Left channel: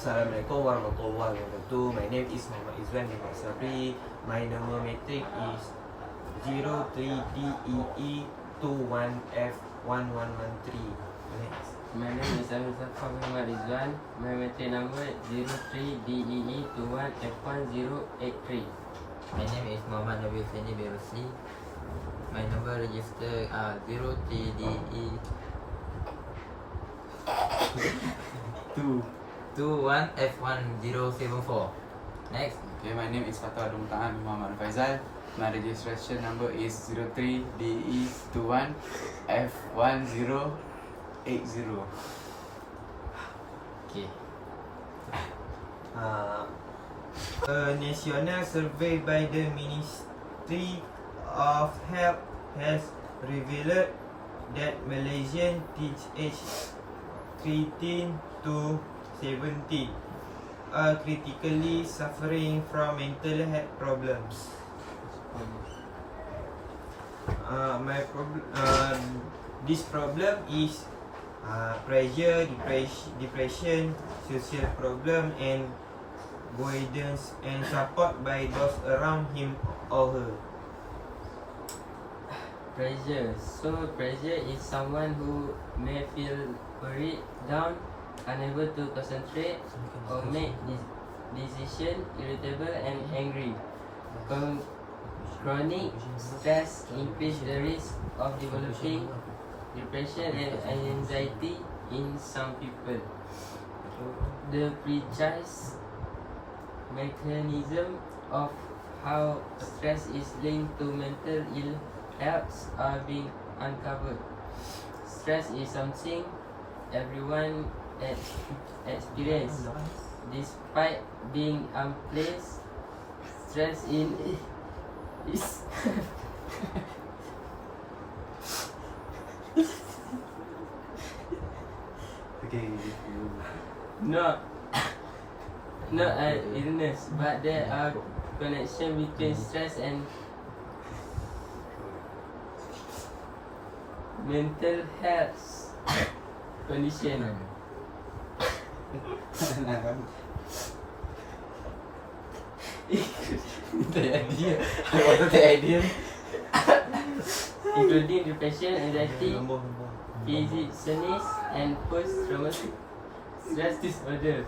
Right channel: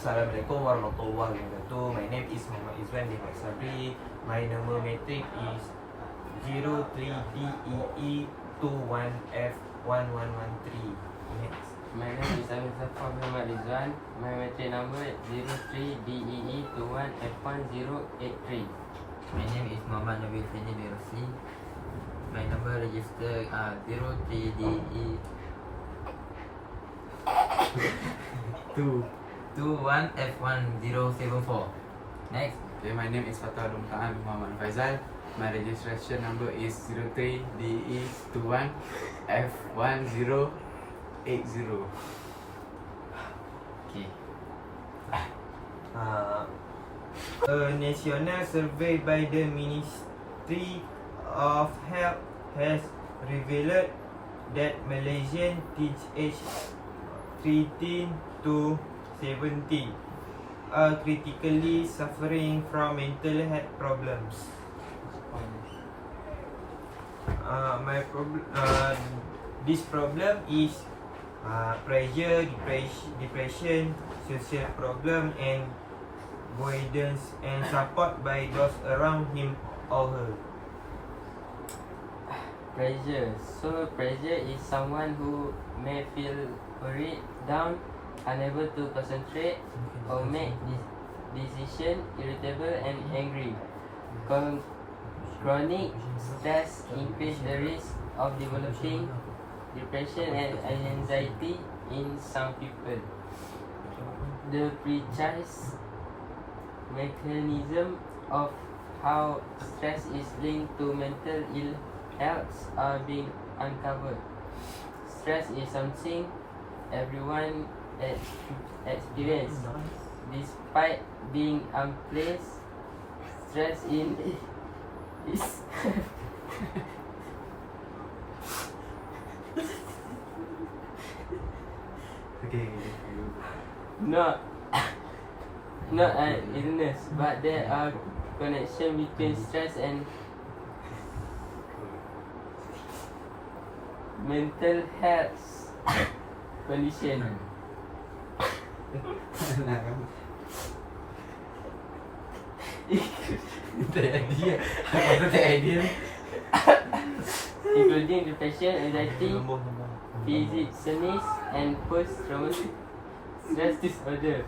Assalamualaikum warahmatullahi wabarakatuh. My name is Muhammad Izwan bin Sabri. My number matrix is 03DEE21F1113. Next. My name is Abdul Zafar Muhammad Rizwan. My matrix number 03DEE21F1083. My name is Muhammad Nabil Fendi bin Rosli. My number register 03DE 21F1074. Next. Okay, my name is Fatul Alum Ta'an Muhammad Faizal. My registration number is 03DE21F1080. Okay. A national survey by the Ministry of Health has revealed that Malaysian teens aged 13 to 17 are critically suffering from mental health problems. This problem is pressure, depression, social problem, and guidance and support by those around him or her. Pressure. So pressure is someone who may feel worried, down, unable to concentrate or make decision, irritable and angry. Chronic stress increase the risk of developing depression and anxiety in some people. The precise mechanism of how stress is linked to mental ill health are being uncovered. Stress is something everyone experiences. Despite being unpleasant, stress in is not an illness, but there are connection between stress and mental health condition. Including depression, anxiety, physionis, and post-traumatic stress disorder.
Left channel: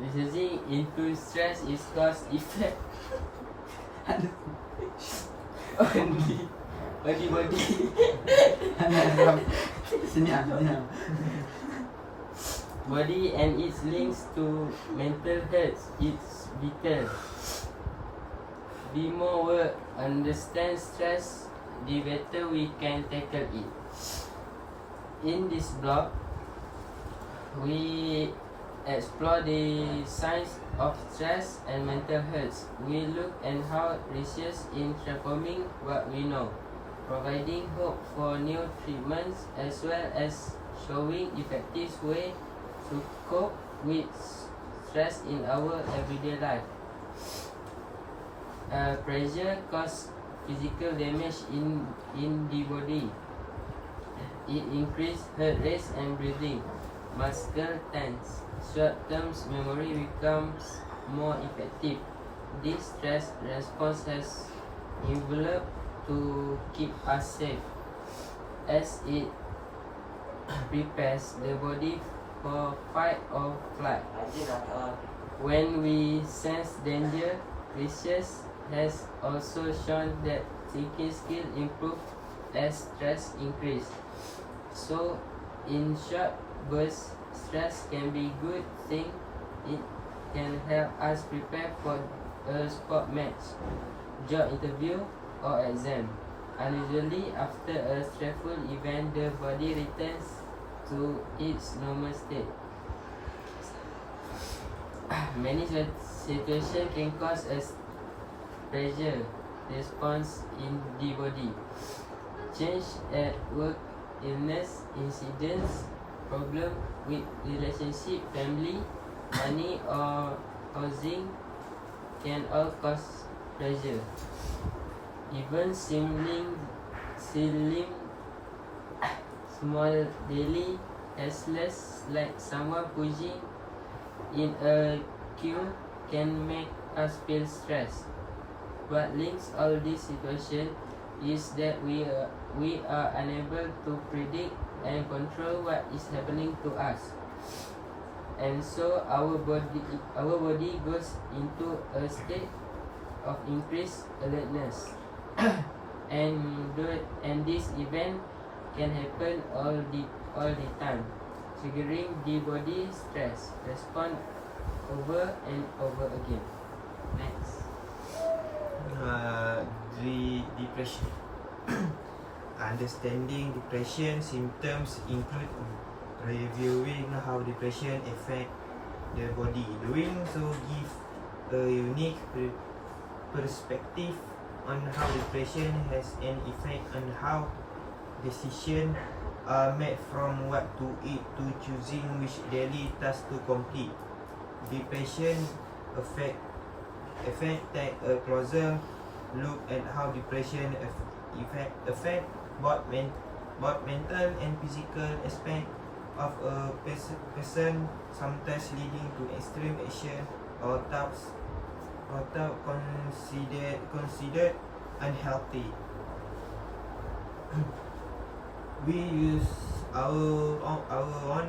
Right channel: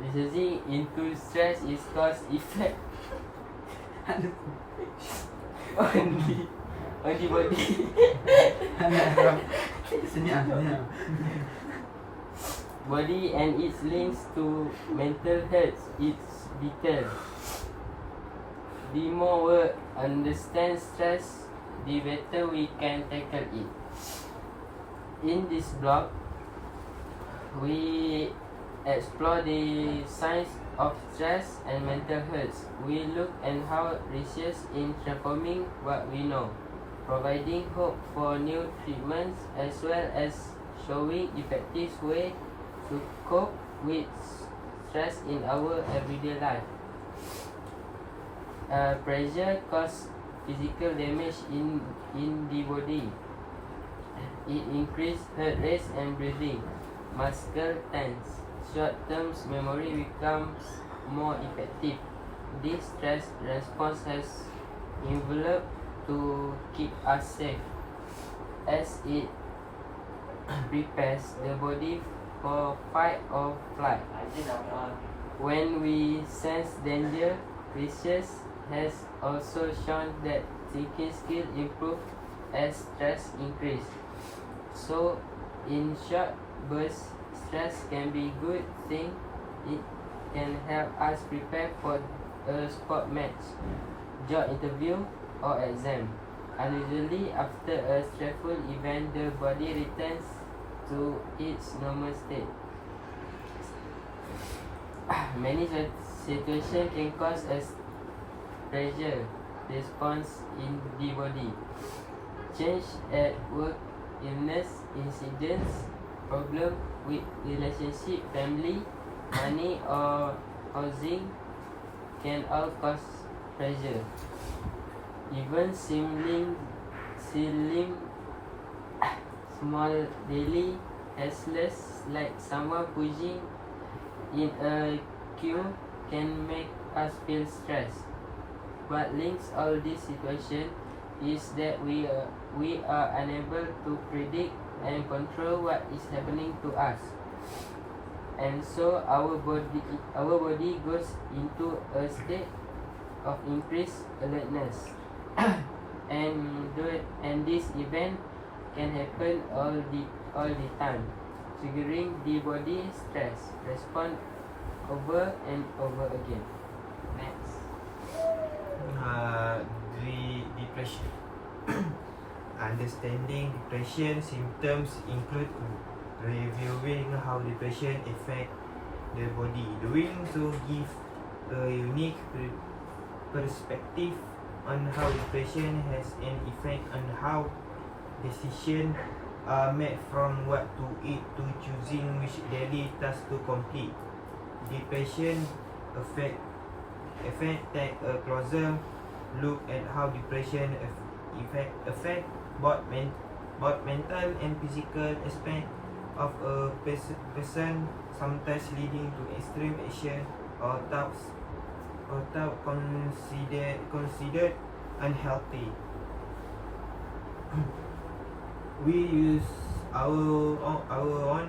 Researching into stress is cause effect on the body. Body and its links to mental health. It's vital. The more we understand stress, the better we can tackle it. In this blog, we explore the science of stress and mental health. We look at how research in transforming what we know, providing hope for new treatments, as well as showing effective way to cope with stress in our everyday life. Pressure causes physical damage in the body. It increases heart rate and breathing, muscle tense. Short-term memory becomes more effective. This stress response has enveloped to keep us safe, as it prepares the body for fight or flight. When we sense danger, research has also shown that thinking skills improve as stress increases. So, in short bursts, stress can be a good thing. It can help us prepare for a sport match, job interview, or exam. Unusually, after a stressful event, the body returns to its normal state. Many situations can cause a pressure response in the body. Change at work, illness, incidents, problem with relationship, family, money or housing can all cause pressure. Even seeming small daily restless like someone pushing in a queue can make us feel stressed. What links all this situation is that we are unable to predict and control what is happening to us, and so our body goes into a state of increased alertness, and this event can happen all the time, triggering the body stress response over and over again. Next. Depression. Understanding depression symptoms include reviewing how depression affects the body. Doing so gives a unique perspective on how depression has an effect on how decisions are made, from what to eat to choosing which daily task to complete. Depression take a closer look at how depression affect both mental and physical aspect of a person, sometimes leading to extreme action or thoughts considered unhealthy. We use our own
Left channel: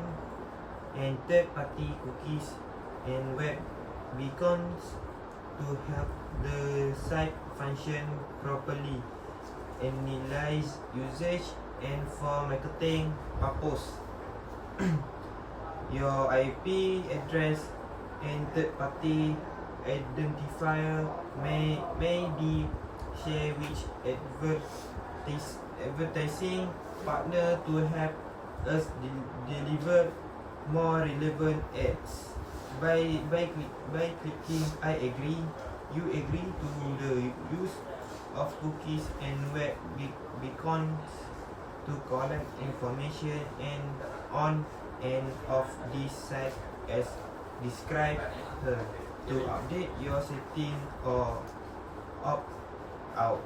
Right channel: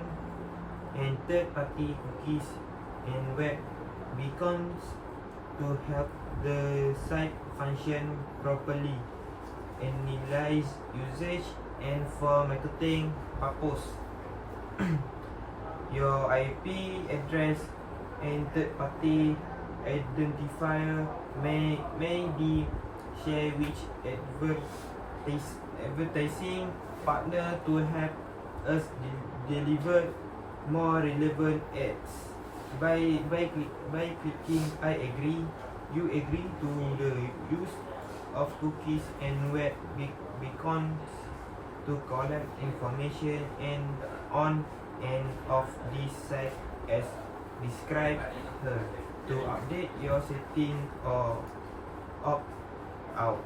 and third-party cookies and web beacons to help the site function properly, analyze usage, and for marketing purpose. Your IP address and third-party identifier may be shared with advertising partner to help us deliver more relevant ads. By clicking I agree, you agree to the use of cookies and web beacons to collect information and on and off this site as described here. To update your setting or opt out,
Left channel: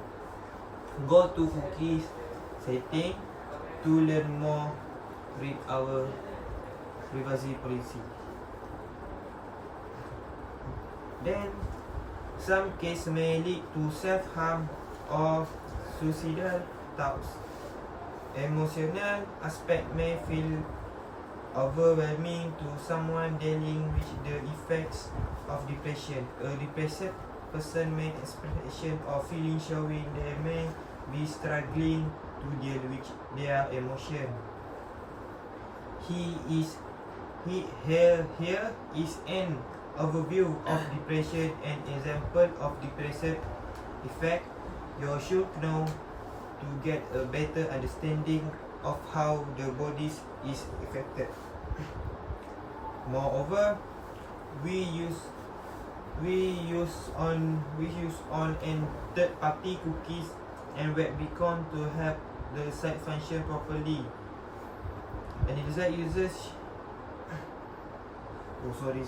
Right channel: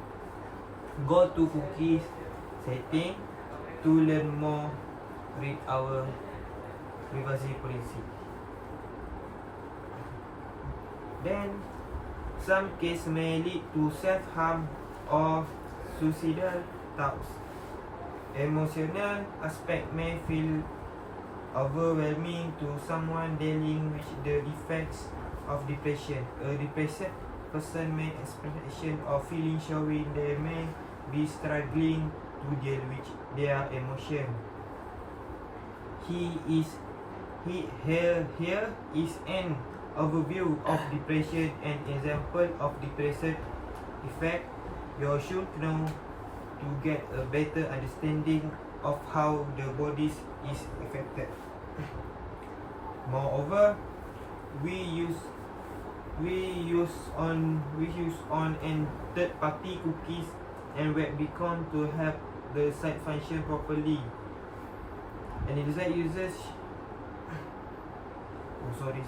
go to cookies setting. To learn more, read our privacy policy. Then, some cases may lead to self-harm or suicidal thoughts. Emotional aspect may feel overwhelming to someone dealing with the effects of depression. A depressed person may express or feeling showing they may be struggling to deal with their emotion. Here is an overview of depression and example of depressive effect you should know to get a better understanding of how the body is affected. Moreover, we use on and third-party cookies and web beacon to help the site function properly. And it is that users. Sorry.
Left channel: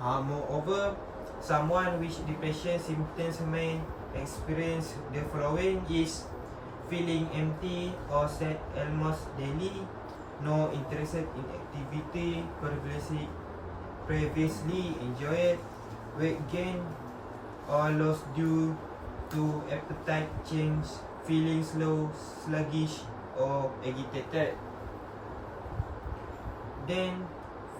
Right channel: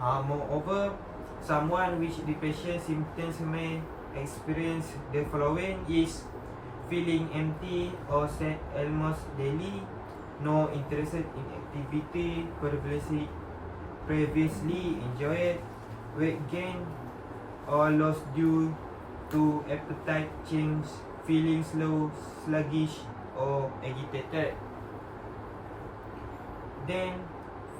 Moreover, someone with depression symptoms may experience the following: is feeling empty or sad almost daily, no interest in activity previously enjoyed, weight gain or loss due to appetite change, feeling slow, sluggish or agitated. Then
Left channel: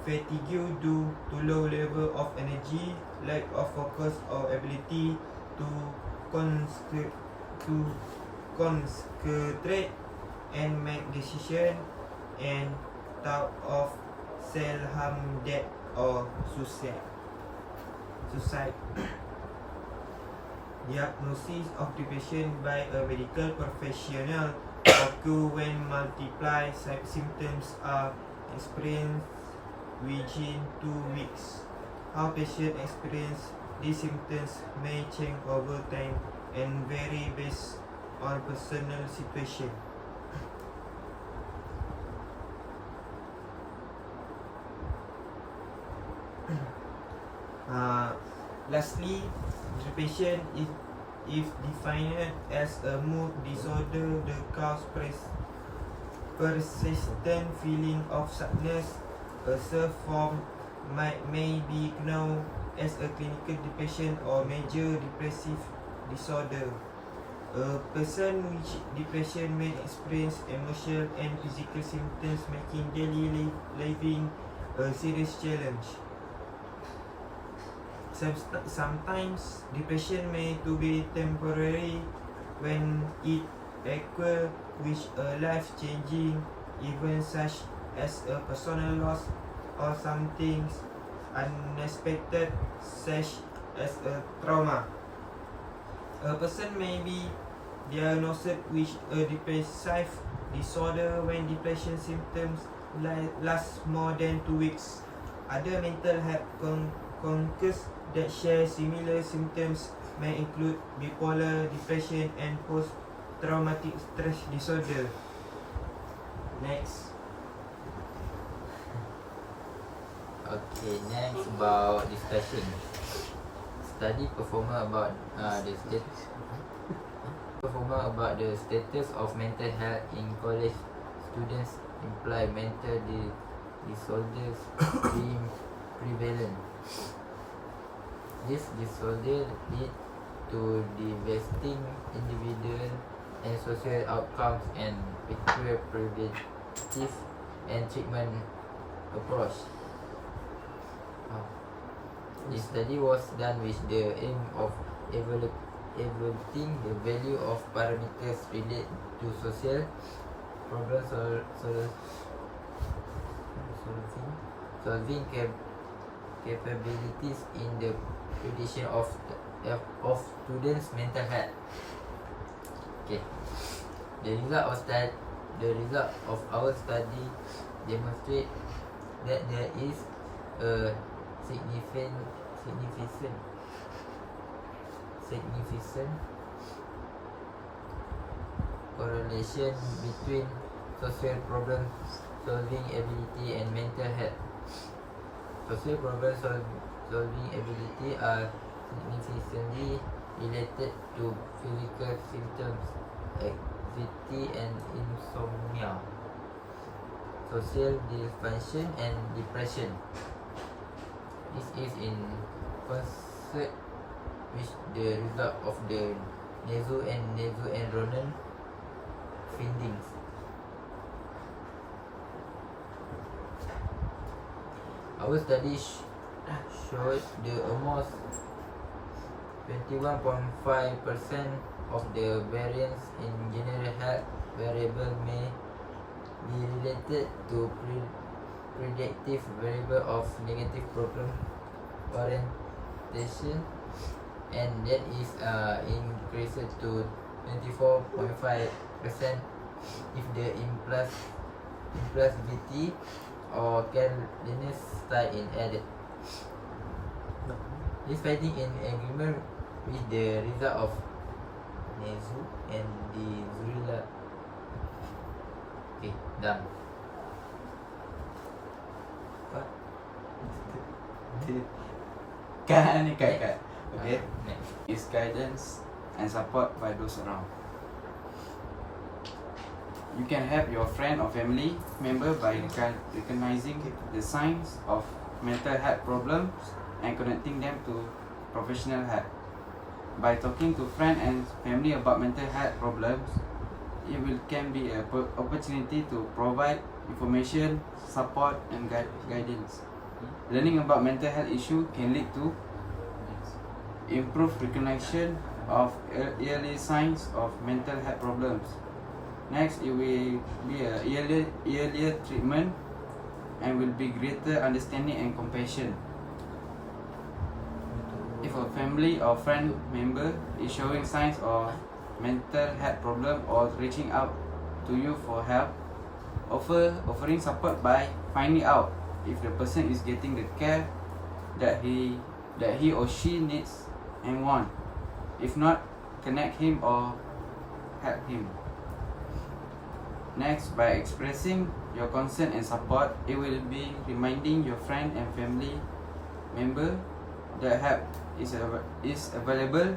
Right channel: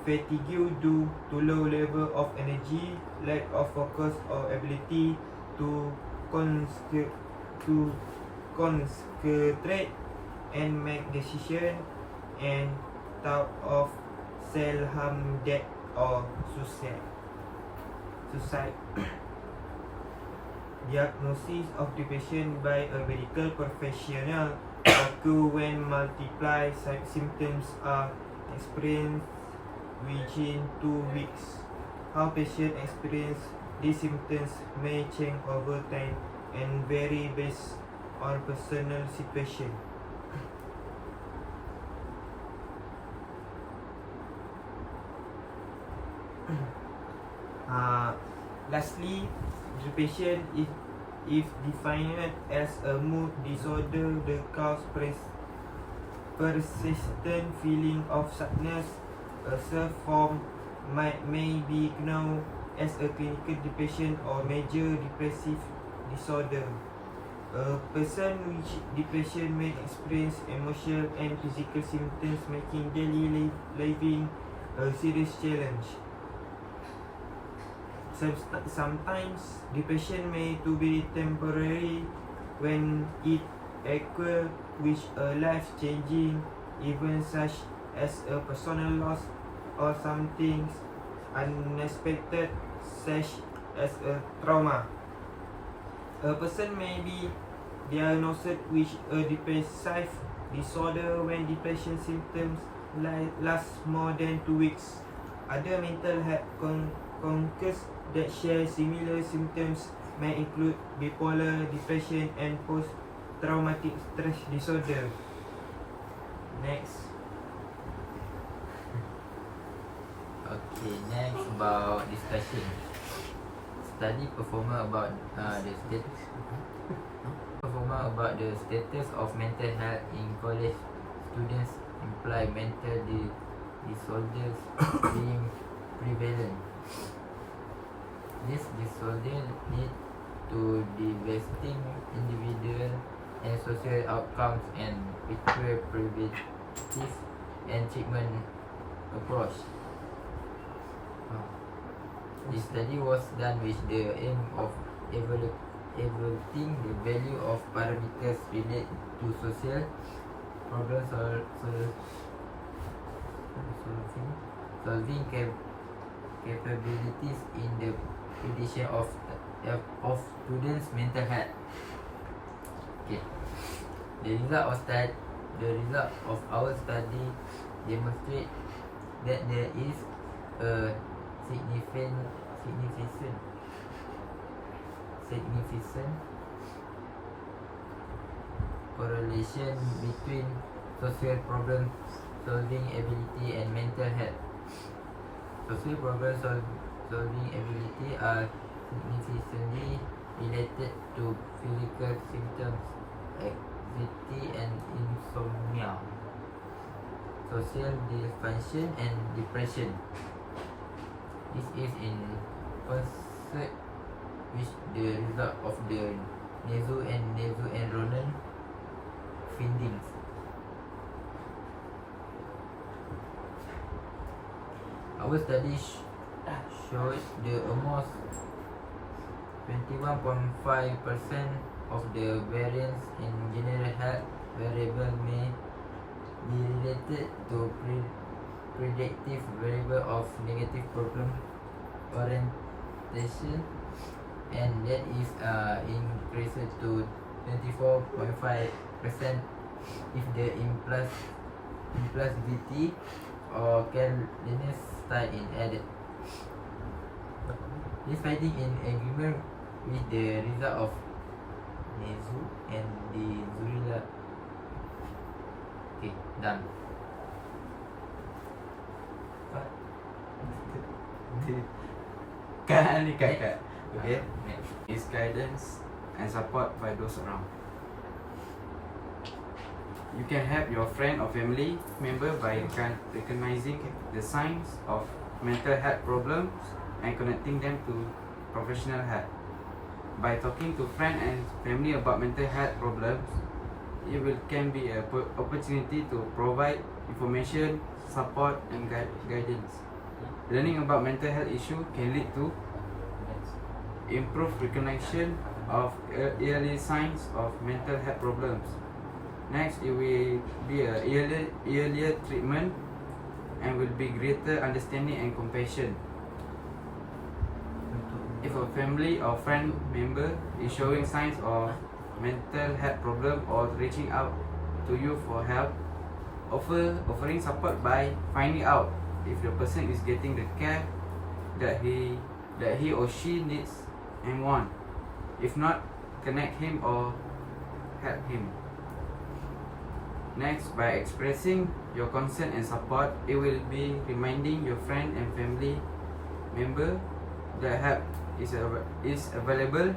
fatigue due to low level of energy, lack of focus or ability to concentrate and make decisions, and thought of self-harm, death or suicide. Diagnosis of depression by a medical professional occur when multiple symptoms are experienced within 2 weeks. How patients experience these symptoms may change over time and vary based on personal situation. Lastly, depression if defined as a mood disorder, the cause persistent feeling of sadness. A self-form may be known as a clinical depression or major depressive disorder. A person with depression may experience emotional and physical symptoms, making daily living a serious challenge. Sometimes depression may to be temporary when it occurs with a life-changing event such as a personal loss or something unexpected such as a trauma. A person may be diagnosed with a depressive disorder when depression symptoms last more than 2 weeks. Other mental health concerns that share similar symptoms may include bipolar depression and post-traumatic stress disorder. Next. Okay, next about discussion. Study performer about the status of mental health in college students imply mental disorders being prevalent. This disorder lead to devastating individual and social outcomes and require preventive and treatment approach. This study was done with the aim of evaluating the value of parameters related to social problem solving capabilities in the prediction of students' mental health. Okay. The result of our study demonstrate that there is a significant correlation between social problem solving ability and mental health. Social problem solving ability are significantly related to physical symptoms, anxiety and insomnia, social dysfunction and depression. This is in concert with the result of the NASO and Ronan findings. Our study showed the almost 21.5% of the variance in general health variable may be related to predictive variable of negative problem orientation, and that is increased to 24.5% if the impulsivity or carelessness style in added. This finding in agreement with the result of NASO and the Zurila. Okay, done. Cut. Okay. Next. Is guidance and support by those around. You can help your friend or family member by recognizing the signs of mental health problems and connecting them to professional help. By talking to friends and family about mental health problems, can be an opportunity to provide information, support and guidance. Learning about mental health issues can lead to improved recognition of early signs of mental health problems. Next, it will be a earlier treatment and will be greater understanding and compassion. If a family or friend member is showing signs of mental health problem or reaching out to you for help, offering support by finding out if the person is getting the care that he or she needs and want. If not, connect him or help him. Next, by expressing your concern and support, it will be reminding your friend and family member that help is available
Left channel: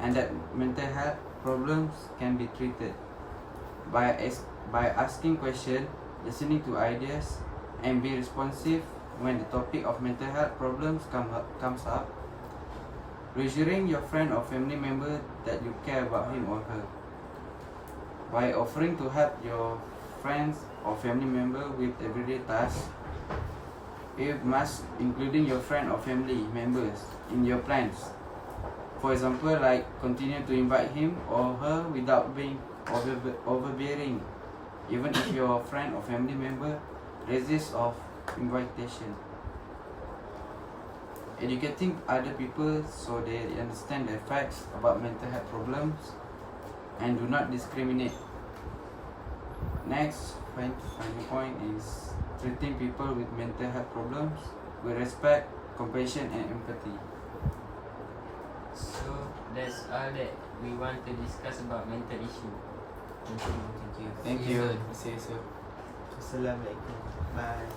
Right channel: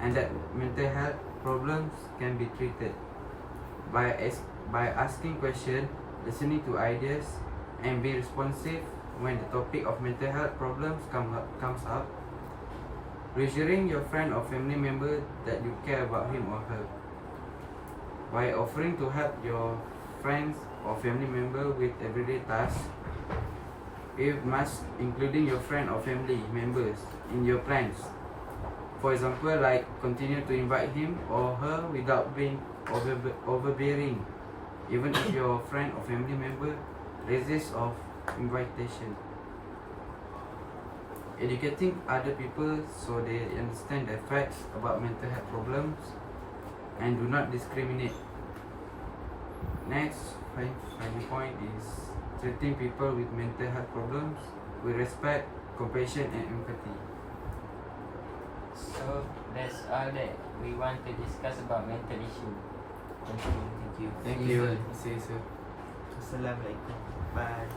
and that mental health problems can be treated. By by asking questions, listening to ideas, and be responsive when the topic of mental health problems comes up. Reassuring your friend or family member that you care about him or her. By offering to help your friends or family member with everyday tasks, you must including your friend or family members in your plans. For example, like continue to invite him or her without being overbearing, even if your friend or family member resists of invitation. Educating other people so they understand the facts about mental health problems and do not discriminate. Next, final point is treating people with mental health problems with respect, compassion, and empathy. So that's all that we want to discuss about mental issue. Thank you. Thank See you you. soon. See you soon. Assalamualaikum. Bye.